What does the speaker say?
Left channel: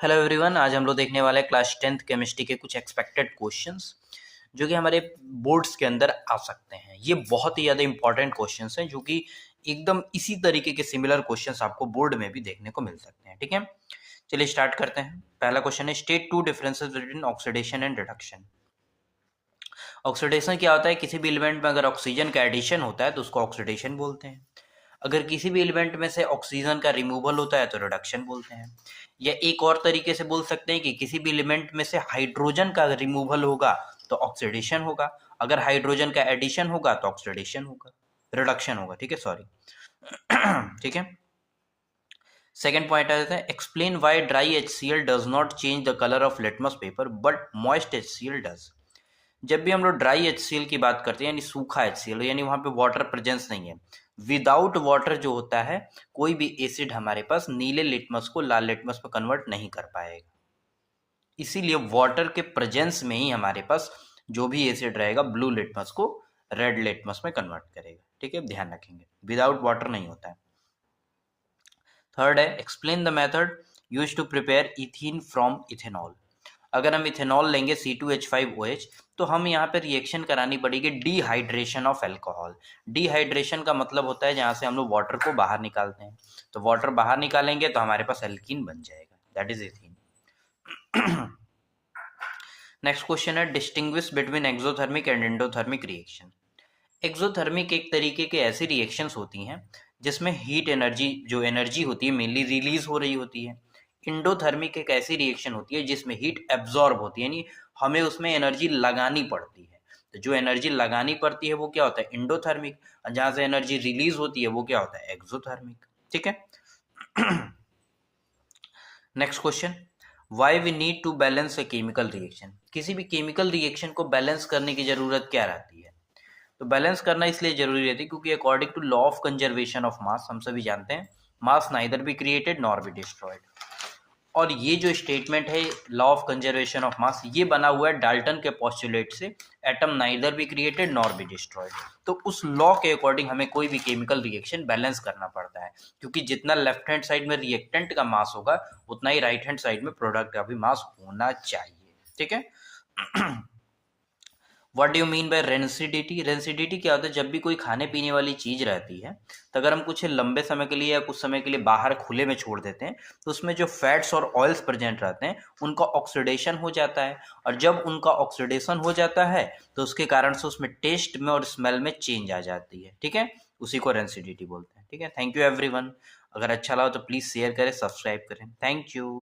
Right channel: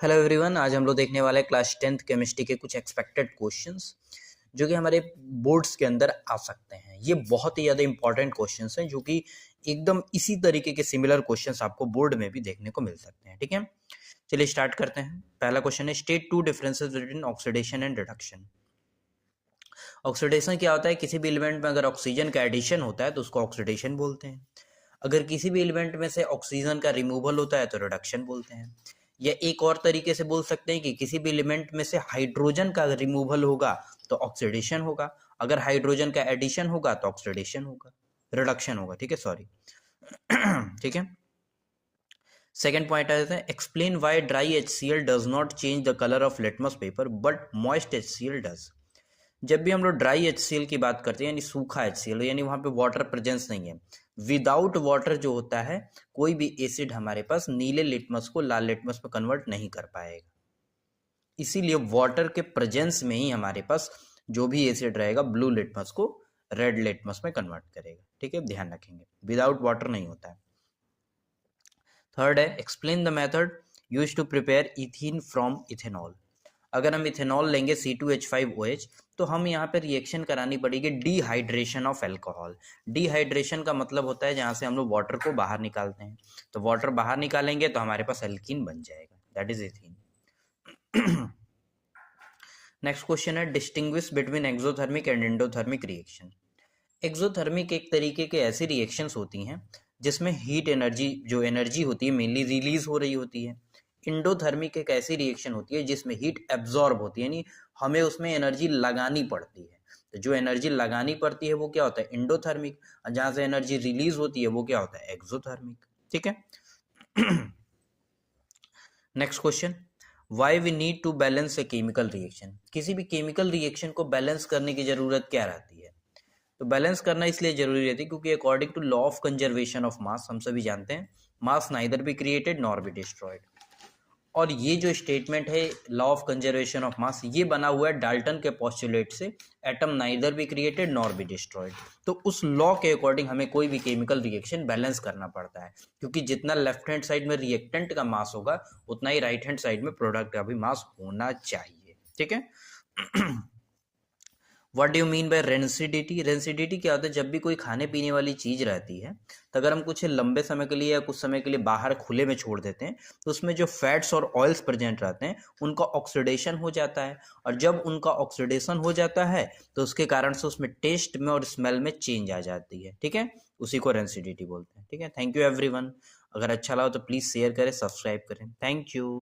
Hello everyone, आज हम लोग देखने वाले हैं क्लास 10th केमिस्ट्री के कुछ एक्सपेक्टेड क्वेश्चंस जो कि हमारे बोर्ड्स के अंदर आ सकते हैं। ये बहुत ही ज़्यादा इंपॉर्टेंट क्वेश्चंस हैं जो कि एकदम इसी तरीके के सिमिलर क्वेश्चंस आपको बोर्ड में भी देखने को मिल सकते हैं। ठीक है, चलिए स्टार्ट करते हैं। पहला क्वेश्चन है, state two differences between oxidation and reduction. Oxidation क्या होता है? किसी भी एलिमेंट में अगर ऑक्सीजन का एडिशन होता है तो उसको ऑक्सीडेशन बोलते हैं। अगर किसी भी एलिमेंट में से ऑक्सीजन का रिमूवल होता है तो रिडक्शन बोलते हैं। या एक और तरीके से बोल सकते हैं कि किसी भी एलिमेंट में से हाइड्रोजन का रिमूवल होगा तो ऑक्सीडेशन होगा, अगर हाइड्रोजन का एडिशन होगा तो ऑक्सीडेशन होगा, रिडक्शन होगा। ठीक है, सॉरी। ठीक है, सेकेंड पॉइंट आता है, explain why dry HCl does not change the colour of litmus paper but moist HCl does. जब भी हम लोग ड्राई HCl की बात करते हैं यानी सूखा HCl, यानी वहां पे वाटर प्रेजेंस नहीं है, विदाउट वाटर जो होता है कोई भी एसिड हमारे पास नीले लिटमस को लाल लिटमस में कन्वर्ट नहीं कर पाएगा। इसीलिए वाटर के प्रेजेंस में ही हमारे पास जो भी एसिड रहेगा ब्लू लिटमस को रेड लिटमस में कन्वर्ट करेगा। ठीक है, ध्यान रखेंगे, विदाउट वाटर नहीं होता है। थर्ड है, explain the method use to prepare ethene from ethanol. अगर हम इथेनॉल लेंगे C2H5OH तो हम यहाँ पे रिएक्शन करानी पड़ेगी डिहाइड्रेशन ऑफ अल्कोहल। डिहाइड्रेशन का मतलब होता है जहाँ से हम लोग वाटर को बाहर निकालते हैं, तो वाटर बाहर निकालेंगे तो हमारे पास एल्कीन बन जाएगा, that is ethene. Next question है, distinguish between exothermic and endothermic reaction. Exothermic एक तरीके के ऐसी रिएक्शंस होती हैं जिसमें हीट एनर्जी, जो एनर्जी होती है मेनली रिलीज हो रही होती है। इंडोथर्मिक एक ऐसी रिएक्शन होती है जिसमें हीट एब्जॉर्ब होती है, यानी हमें उसमें एनर्जी लगानी पड़ती है। तो जो एनर्जी लगानी पड़ती है वो क्या होता है? इंडोथर्मिक। और जहां से एनर्जी रिलीज होती है वो क्या होता है? एक्सोथर्मिक। ठीक है। Next question, why we need to balance a chemical reaction. किसी भी केमिकल रिएक्शन को बैलेंस करने की जरूरत क्या रहती है? तो बैलेंस करना इसलिए जरूरी रहती है क्योंकि according to law of conservation of mass, हम सभी जानते हैं mass neither be created nor be destroyed. और ये जो स्टेटमेंट है law of conservation of mass, ये बना हुआ है डाल्टन के पोस्टुलेट से, atom neither be created nor be destroyed. तो उस लॉ के अकॉर्डिंग हमें कोई भी केमिकल रिएक्शन बैलेंस करना पड़ता है, क्योंकि जितना लेफ्ट हैंड साइड में रिएक्टेंट का मास होगा उतना ही राइट हैंड साइड में प्रोडक्ट का भी मास होना चाहिए। ठीक है। What do you mean by rancidity? Rancidity क्या होता है? जब भी कोई खाने पीने वाली चीज रहती है तो अगर हम कुछ लंबे समय के लिए या कुछ समय के लिए बाहर खुले में छोड़ देते हैं तो उसमें जो फैट्स और ऑयल्स प्रेजेंट रहते हैं उनका ऑक्सीडेशन हो जाता है, और जब उनका ऑक्सीडेशन हो जाता है तो उसके कारण से उसमें टेस्ट में और स्मेल में चेंज आ जाती है। ठीक है, उसी को रेंसिडिटी बोलते हैं। ठीक है, थैंक यू एवरीवन। अगर अच्छा लगा तो प्लीज शेयर करें, सब्सक्राइब करें। Thank you.